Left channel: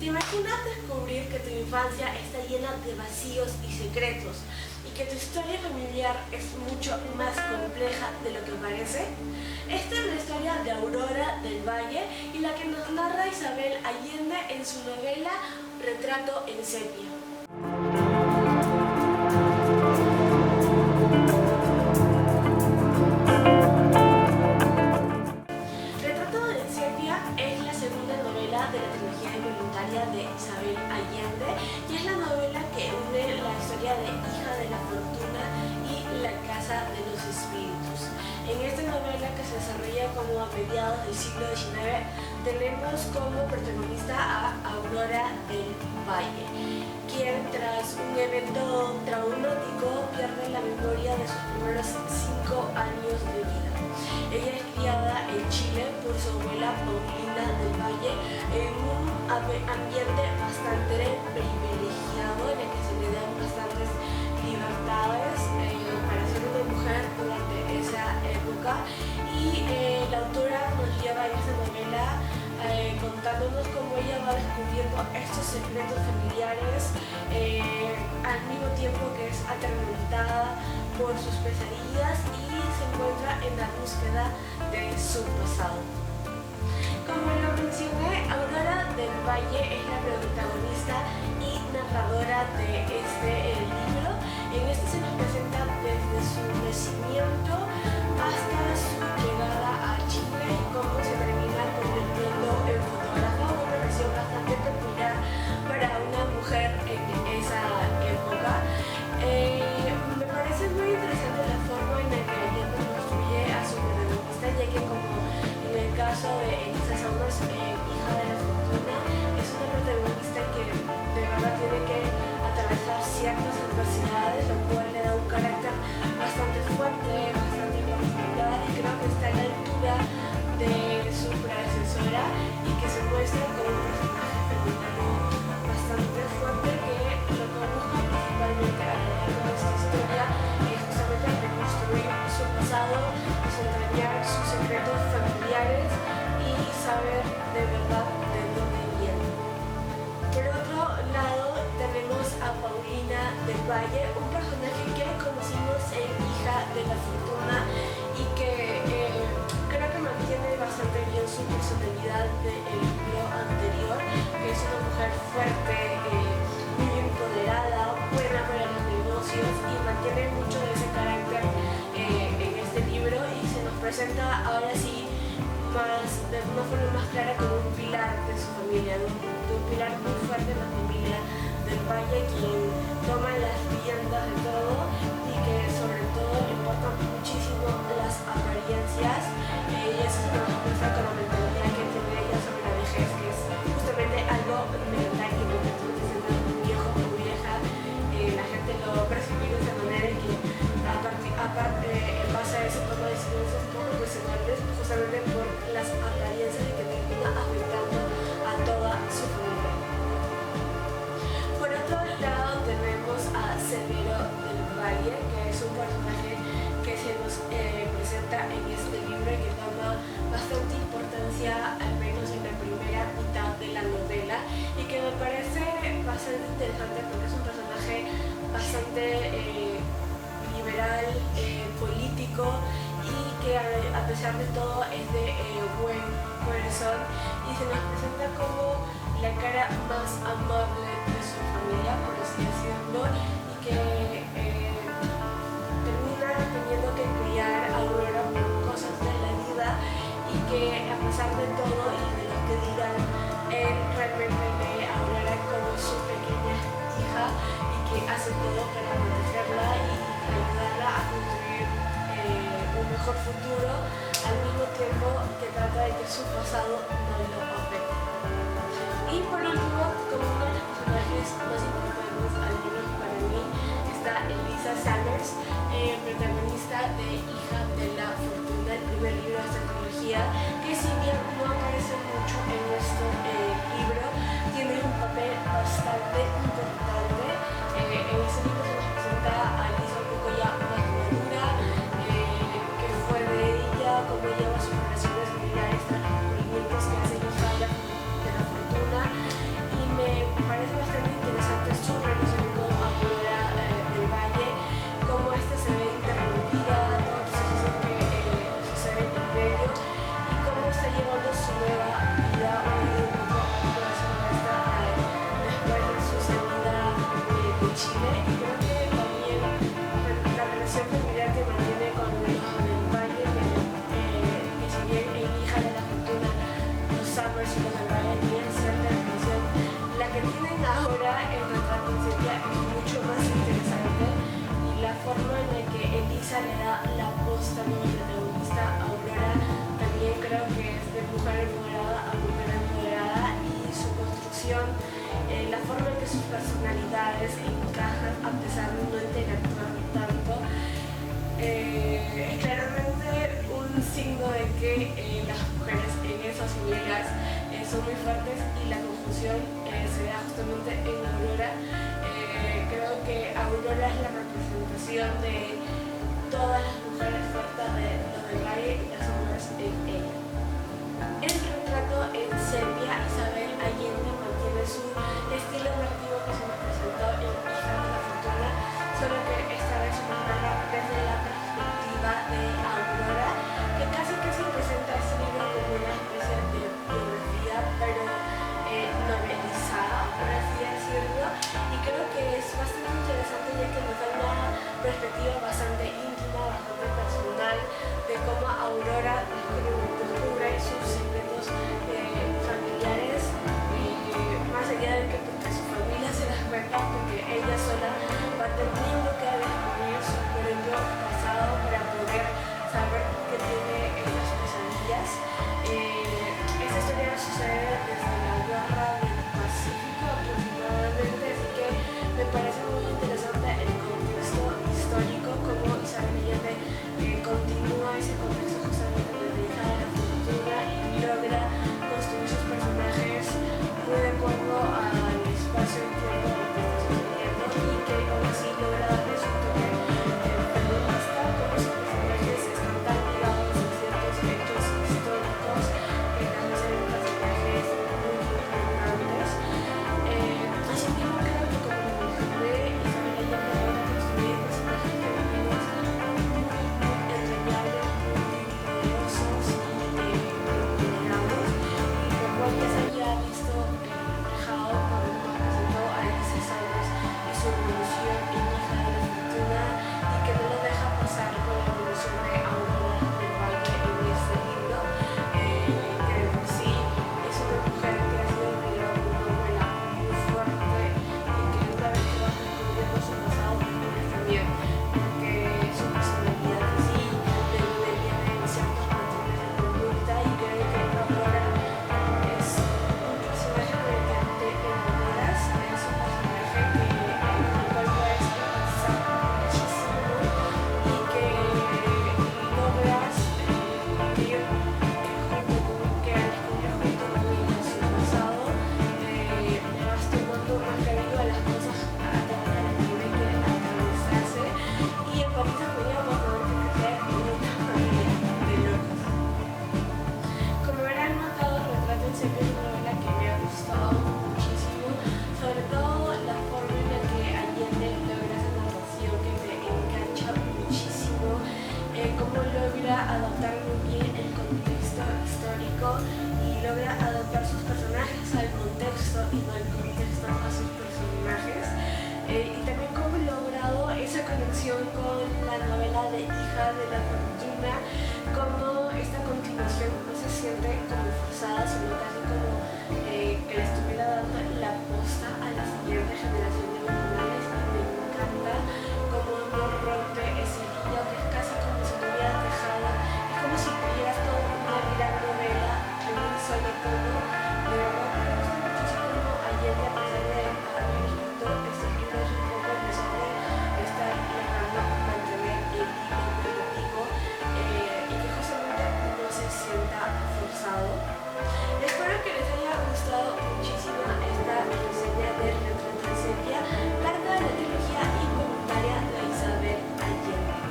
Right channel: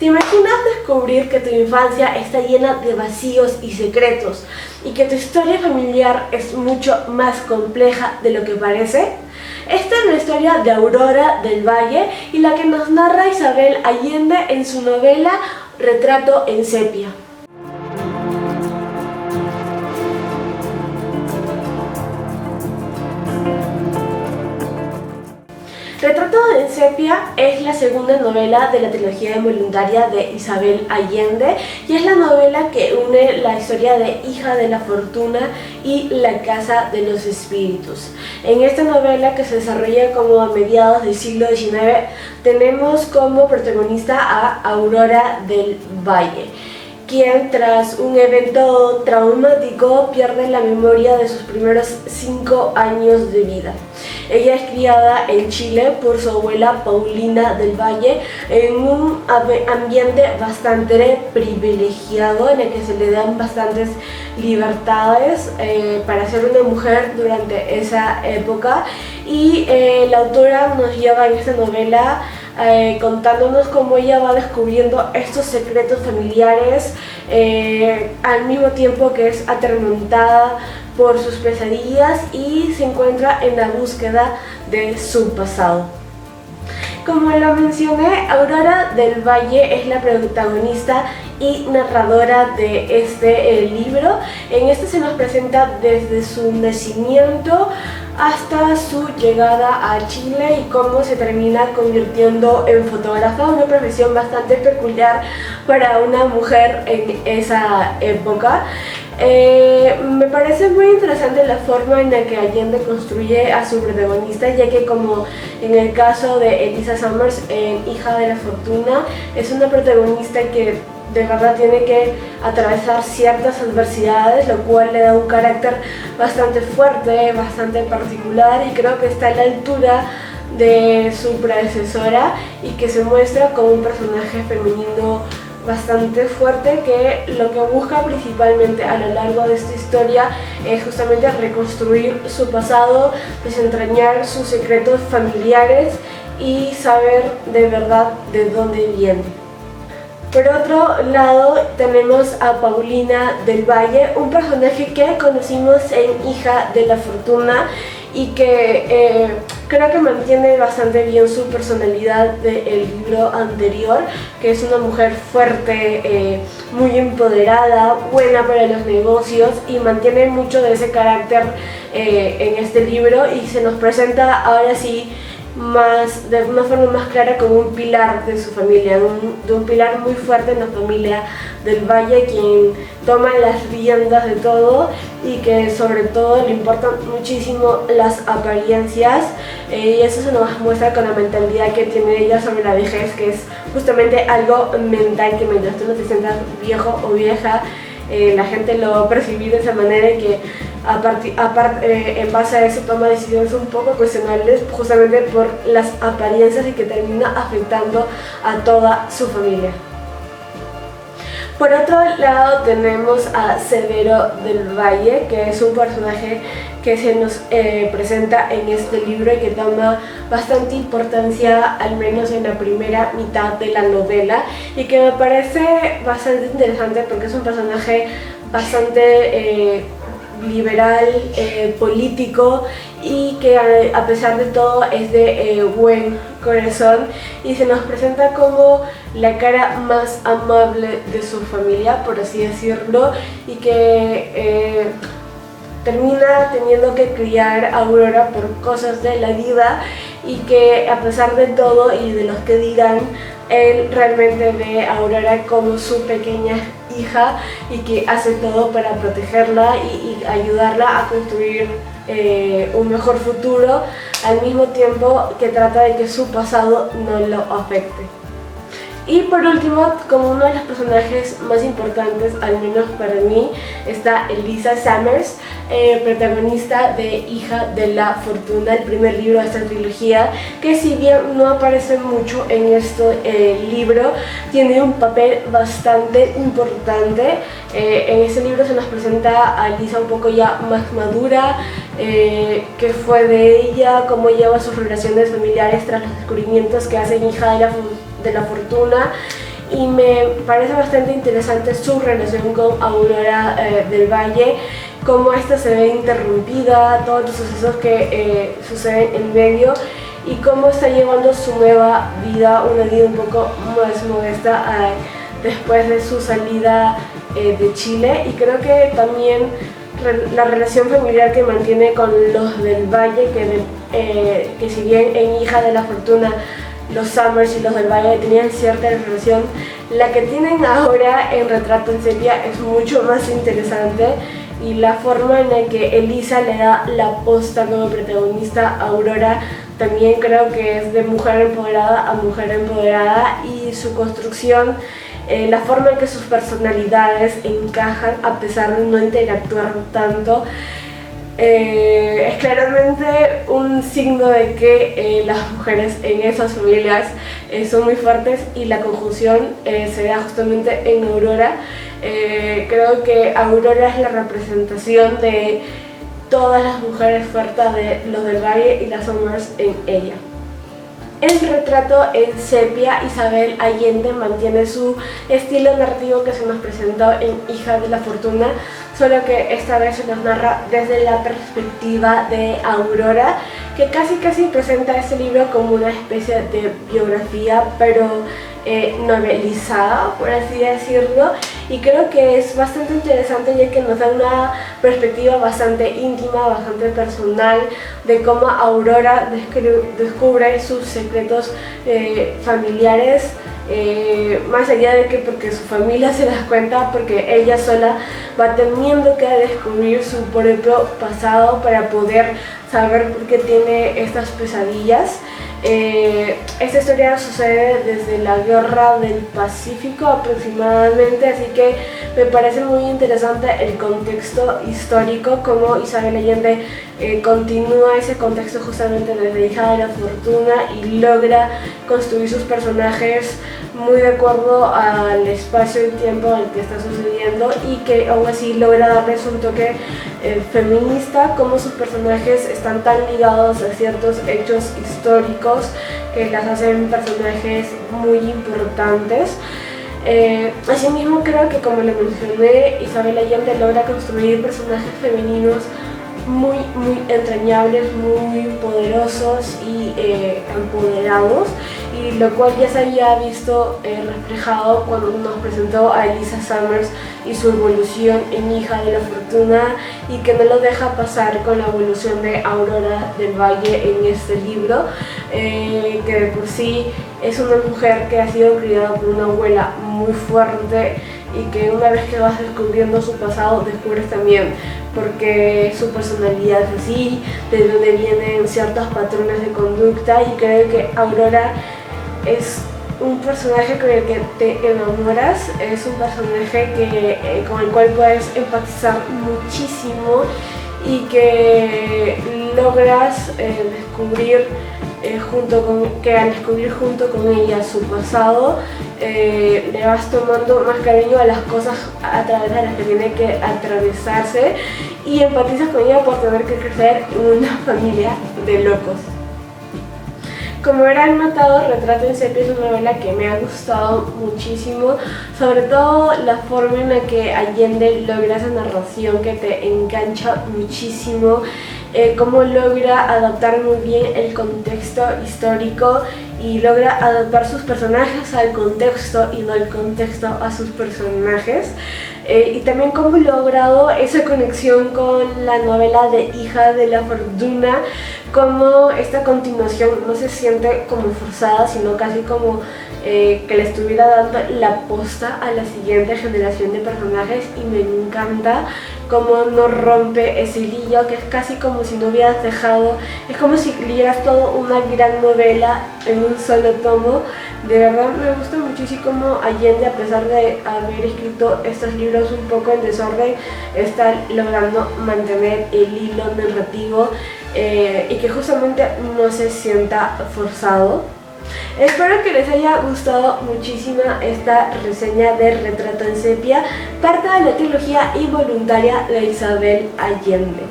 ¿Te imaginas descubrir que tu infancia está llena de vacíos y secretos y que tu historia familiar es mucho más compleja de lo que parece? Esta es la historia de Aurora del Valle y la que nos narra Isabel Allende en su novela Retrato en sepia. Retrato en sepia es la segunda novela de la trilogía involuntaria de Isabel Allende y es la novela que une la historia de Hija de la Fortuna y La Casa de los Espíritus. En esta novela, que se desarrolla como a mediados del siglo XIX, tenemos como protagonista a Aurora del Valle, quien tras un evento traumático pierde la memoria de sus primeros 5 años de vida. Ella es criada en Chile por su abuela Paulina del Valle en un ambiente bastante privilegiado en el que se le dan bastantes libertades para ser una mujer durante esa época, y la autora nos lleva en esta novela contándonos cómo ella va descubriendo estos secretos familiares al mismo tiempo que es atormentada por sus pesadillas y se encuentra en la búsqueda de su pasado. Como lo mencioné, Aurora del Valle es la protagonista y narradora de este libro. En este se nos presenta desde su nacimiento hasta su llegada a Chile y cómo se termina convirtiendo en fotógrafa, una profesión bastante peculiar para una mujer en esa época. Me parece muy interesante la forma en la que Allende construye a su protagonista, ya que como en el caso de Elisa Summers en Hija de la Fortuna, es una protagonista que de verdad tiene que atravesar ciertas adversidades, lo cual le da un carácter bastante fuerte, bastante particular, y creo que está a la altura de su predecesora y que se muestra como un personaje femenino bastante fuerte, que lo que busca principalmente a lo largo de esta historia es justamente reconstruir su pasado, desentrañar sus secretos familiares y saber de verdad de dónde viene. Por otro lado tenemos a Paulina del Valle, un personaje que conocimos en Hija de la Fortuna y que creo que mantiene bastante bien su personalidad del libro anterior, que es una mujer fuerte, muy empoderada, buena para los negocios, y mantiene mucho de ese carácter en este libro, y se nos presenta ahora sí de una forma más clara como un pilar de su familia, de un pilar muy fuerte en la familia del Valle, quien toma las riendas de todo y que sobre todo le importan muchísimo las apariencias, y eso se nos muestra con la mentalidad que tiene ella sobre la vejez, que es justamente algo mental, que mientras tú no te sientas viejo o vieja, la gente lo va a percibir de esa manera, y que en base a eso toma decisiones un poco cuestionables justamente por las apariencias, y que termina afectando a toda su familia. Por otro lado tenemos a Severo del Valle, que es un personaje que se nos presenta en este libro y que toma bastante importancia, al menos en la primera mitad de la novela, y que me parece bastante interesante porque es un personaje bastante liberal, político, y que a pesar de todo es de buen corazón, y se nos presenta como la cara más amable de su familia, por así decirlo, y que termina teniendo que criar a Aurora por cosas de la vida, y que a pesar de todo y de los que dirán, él realmente ve a Aurora como su pequeña hija, y que hace todo para protegerla y ayudarla a construir un mejor futuro, al mismo tiempo que trata de que su pasado no lo afecte. Y por último, como uno de los personajes más importantes, al menos para mí, está Elisa Summers, protagonista de Hija de la Fortuna, el primer libro de esta trilogía, que si bien no aparece mucho en este libro, tiene un papel bastante importante. En este libro se nos presenta a Elisa un poco ya más madura, qué fue de ella, cómo lleva sus relaciones familiares tras los descubrimientos que hace en Hija de la Fortuna, y y me parece bastante interesante su relación con Aurora del Valle, cómo esta se ve interrumpida, todos los sucesos que suceden en medio y cómo está llevando su nueva vida, una vida un poco más modesta después de su salida de Chile. Y creo que también la relación familiar que mantiene con los del Valle, que si bien en Hija de la Fortuna los Summers y los del Valle tenían cierta relación, la que tienen ahora en Retrato en Sepia es mucho más interesante, y la forma en la que Elisa le da la posta como protagonista a Aurora también creo que es de mujer empoderada a mujer empoderada, y su construcción, la forma en que sus personalidades encajan a pesar de no interactuar tanto, es claramente un signo de que las mujeres en esas familias son muy fuertes, y la conjunción se da justamente en Aurora. Creo que Aurora es la representación de todas las mujeres fuertes de los del Valle y las Summers en ella. En Retrato en Sepia, Isabel Allende mantiene su estilo narrativo que se nos presentó en Hija de la Fortuna, solo que esta vez se nos narra desde la perspectiva de Aurora, que casi presenta este libro como una especie de biografía, pero novelizada, por así decirlo, y creo que es bastante interesante ya que nos da una perspectiva bastante íntima, bastante personal de cómo Aurora descubre sus secretos familiares, más allá de que porque su familia se da cuenta, porque ella sola va teniendo que descubrir su propio pasado para poder saber por qué tiene estas pesadillas. Esta historia sucede desde la Guerra del Pacífico aproximadamente, así que me parece muy interesante el contexto histórico, como Isabel Allende continúa ese contexto justamente desde Hija de la Fortuna y logra construir sus personajes muy de acuerdo al espacio y tiempo en el que está sucediendo, y que aún así logra darles un toque feminista, como sus personajes están tan ligados a ciertos hechos históricos que las hacen personajes muy importantes. Asimismo creo que, como le mencioné, Isabel Allende logra construir personajes femeninos muy entrañables, muy poderosos y empoderados, y lo cual ya se había visto reflejado cuando nos presentó a Elisa Summers y su evolución en Hija de la Fortuna, y que no lo deja pasar con la evolución de Aurora del Valle en este libro, que de por sí es una mujer que ha sido criada por una abuela muy fuerte, y que una vez que vas descubriendo su pasado descubres también porque su personalidad es así, de dónde vienen ciertos patrones de conducta, y creo que Aurora es un personaje con el que te enamoras, es un personaje con el cual puedes empatizar muchísimo y que logras descubrir al descubrir junto con ella su pasado, le vas tomando más cariño a las cosas a través de las que tiene que atravesarse, y empatizas con ella por tener que crecer en una familia de locos. Como habrán notado, Retrato en Sepia es una novela que me ha gustado muchísimo, sobre todo la forma en la que Allende logra esa narración que te engancha muchísimo, cómo logra adaptar muy bien el contexto histórico y logra adaptar sus personajes al contexto y no el contexto a sus personajes. Y también cómo he logrado esa conexión con la novela de Hija de la Fortuna, como esta continuación no se siente como forzada, sino casi como que le estuviera dando la posta a la siguiente generación de personajes, y me encanta cómo no rompe ese hilillo, que es casi como si no hubieras dejado, es como si leyeras toda una gran novela en un solo tomo. De verdad me gusta muchísimo Allende, a pesar de haber escrito estos libros un poco en desorden, está logrando mantener el hilo narrativo y que justamente no se sienta forzado. Espero que les haya gustado muchísimo esta reseña de Retrato en Sepia, parte de la trilogía involuntaria de Isabel Allende.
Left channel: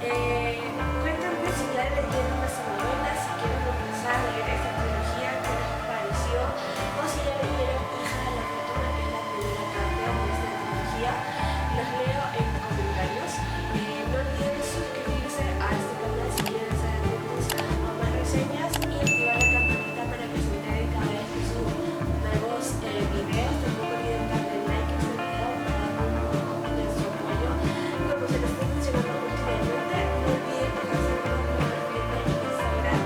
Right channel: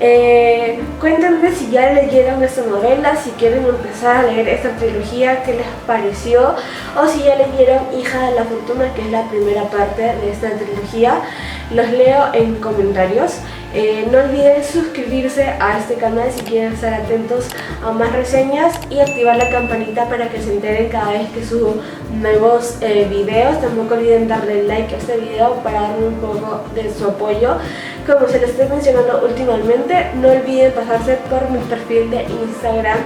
Cuéntenme si ya leyeron esta novela, si quieren empezar a leer esta trilogía, qué les pareció, o si ya leyeron Hija de la Fortuna, que es la primera parte de esta trilogía. Los leo en comentarios. No olviden suscribirse a este canal si quieren estar atentos a más reseñas y activar la campanita para que se enteren cada vez que subo nuevos videos. Tampoco olviden darle like a este video para darme un poco de su apoyo. Como se les estoy mencionando últimamente, no olviden pasarse por mi perfil de Instagram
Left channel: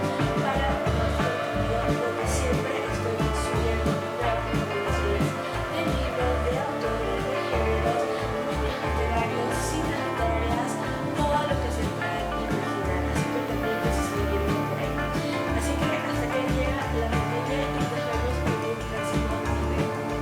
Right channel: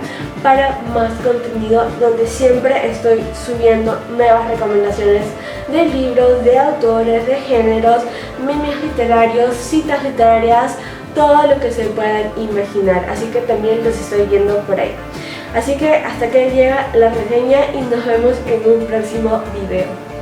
para más contenido, donde siempre estoy subiendo nuevas recomendaciones de libros, de autores, de géneros, memes literarios, citas literarias, todo lo que se puedan imaginar. Así que también los estoy viendo por ahí. Así que hasta que llega la reseña y nos vemos en un próximo video.